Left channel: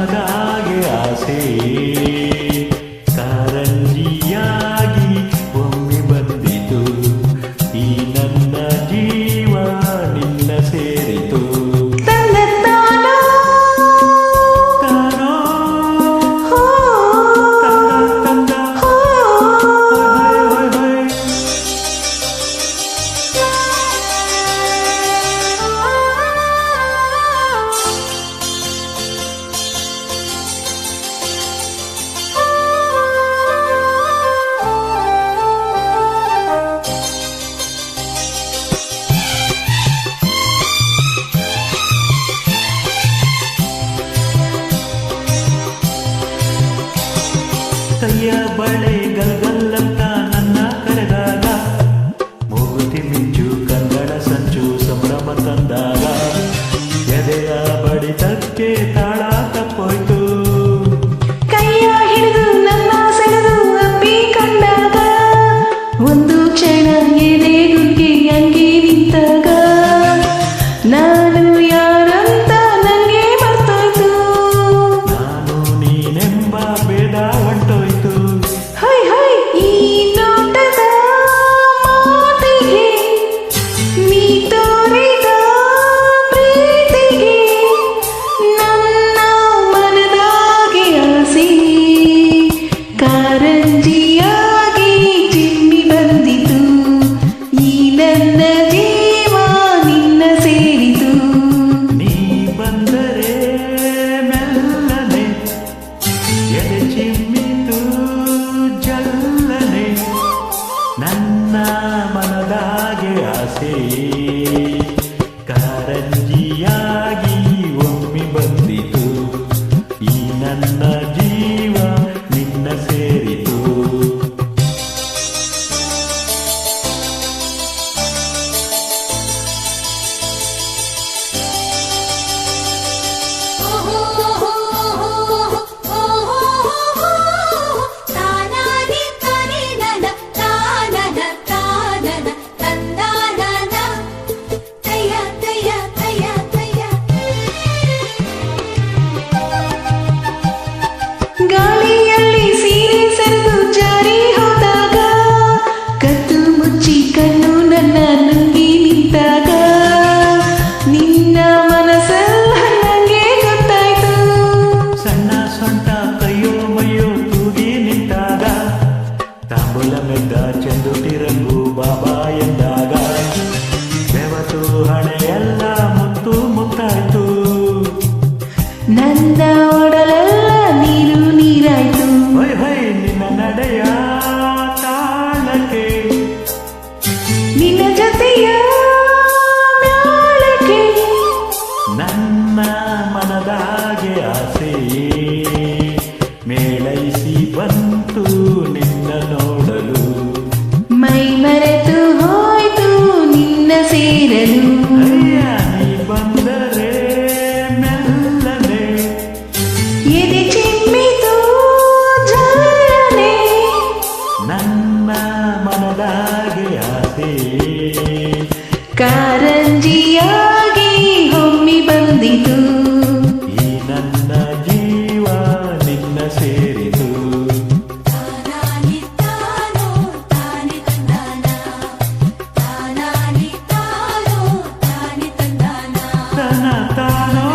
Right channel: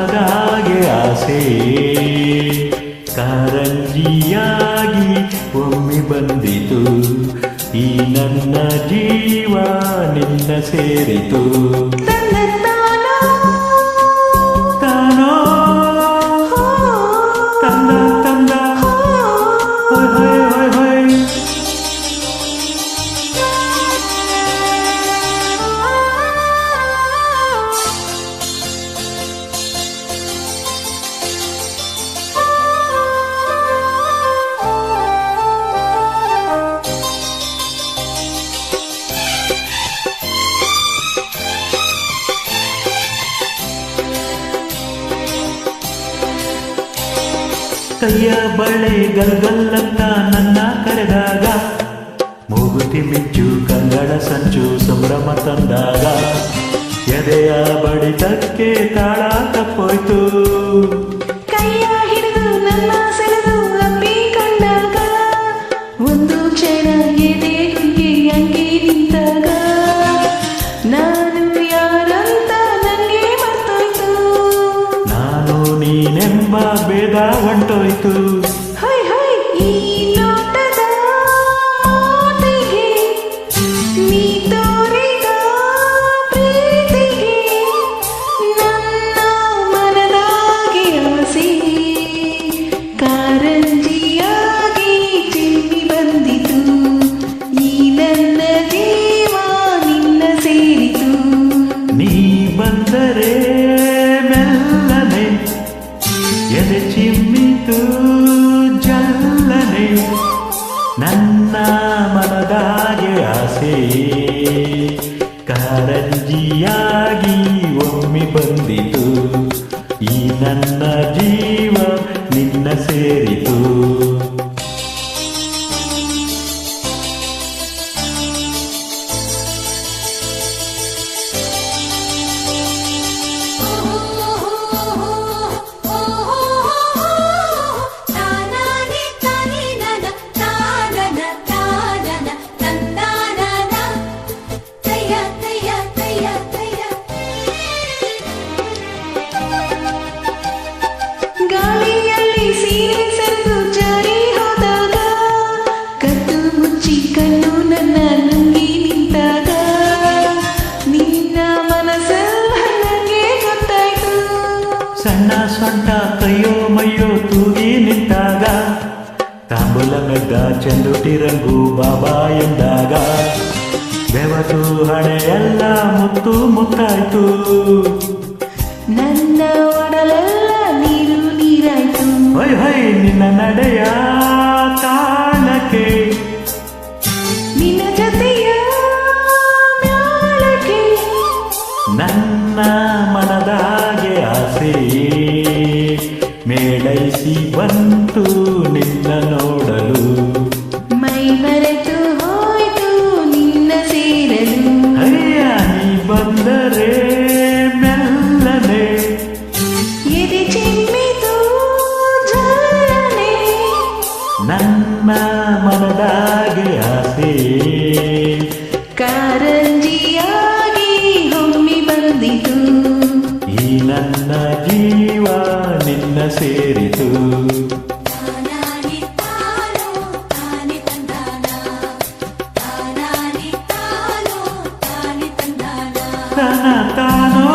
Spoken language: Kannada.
ಮನದಾಗೆ ಆಸೆ ಕಾರಂಜಿಯಾಗಿ ಒಮ್ಮೆ ಬಂದಿತು ಈ ನನ್ನ ಜೀವ ನಿನ್ನ ಸೇರಿತು ಕೈಯ ಬಳೆ ಗಲ್ಗಲ್ಲಂತ ನನ್ನ ಕರೆದಾಗ ಮೂಗುತಿ ಮಿಂಚು ಕಂಗಳ ಸಂಚು ಸಂಭ್ರಮ ತಂದಾಗ ಎದೆಯ ಬಡಿತಕ್ಕೆ ತಾಳ ತಪ್ಪೋಯ್ತು ಕೈಯ ಹಿಡಿದು ನನ್ನ ಸೆಳೆದು ಅಪ್ಪಿಕೊಂಡಾಗ ಒಂದು ಕ್ಷಣ ಎದೆ ಗುಂಗೆ ಅಂಗಿ ನಿಂತಾಗ ನಾನು ಯಾರಂತ ನಂಗೆ ಮರ್ತೋಯ್ತು ನಾನು ನೀನೆಂಬ ಭೇದ ಹೊಂಟೋಯ್ತು ಹೈ ಹೈ ಈ ನೋಟದ ಮಾತಿಗೆ ನೀ ತೋರಿದ ಪ್ರೀತಿಗೆ ನನ್ನ ಮನದಾಗೆ ಆಸೆ ಕಾರಂಜಿಯಾಗಿ ಚಿಮ್ಮಿ ಬಂದಿತು ಈ ನನ್ನ ಜೀವ ನಿನ್ನ ಸೇರಿತು ನೀ ಬಂದರೆ ಮೆಲ್ಲನೆ ಎದೆ ಚಿಮ್ಮಿತು ಜಲ್ಲನೆ ನನ್ನ ಮನದಾಗೆ ಆಸೆ ಕಾರಂಜಿಯಾಗಿ ಒಮ್ಮೆ ಬಂದಿತು ಈ ನನ್ನ ಜೀವ ನಿನ್ನ ಸೇರಿತು ಗಾಳಿಯಲ್ಲಿ ಸೀರೆ ಸರಿದು ಜಾರಿ ಹೋದಾಗ ಕತ್ತು ಮುಚ್ಚಿ ಕಣ್ಣು ನನ್ನ ನುಂಗಿ ನಿಂತಾಗ ನಿನ್ನ ಮನಸ್ಸಲ್ಲ ನನಗೆ ಗೊತ್ತಾಯ್ತು ಸಣ್ಣ ಸೊಂಟ ಕೈಯೋ ಮೈಯೋ ತೂಗಿ ನಿಂತಾಗ ತಾಂಬೂಲ ಮೆದ್ದ ಚೆಂದುಟಿ ರಂಗು ಬಾಬಾ ಎಂದಾಗ ಬೆವತು ಹಣೆಯೆಲ್ಲ ಮುತ್ತು ಮುತ್ತಾಯ್ತು ನನ್ನ ಒಡಲೆಲ್ಲ ನೀರು ನೀರಾಯ್ತು ಹೊಯ್ ಹೊಯ್ ನಿನ್ನ ನಡೆಯ ತಾಳಕ್ಕೆ ನಿನ್ನ ಜೊತೆಯ ಮ್ಯಾಳಕ್ಕೆ ನನ್ನ ಮನದಾಗೆ ಆಸೆ ಮೇಳೈಸಿ ಬಂತು ನಿನ್ನ ನೋಡಲು ಮೈ ಮರೆತು ಹೋಯ್ತು ನಿನ್ನ ಸೇರಲು ಅಯ್ಯ ನೀ ಬಂದರೆ ಮೆಲ್ಲನೆ ಎದೆ ಚಿಮ್ಮಿತು ಜಲ್ಲನೆ ನನ್ನ ಮನದಾಗೆ ಆಸೆ ಕಾರಂಜಿಯಾಗಿ ಹೊಮ್ಮಿ ಬಂದಿತು ಈ ನನ್ನ ಜೀವ ನಿನ್ನ ಸೇರಿತು ತನ ತಾನೋ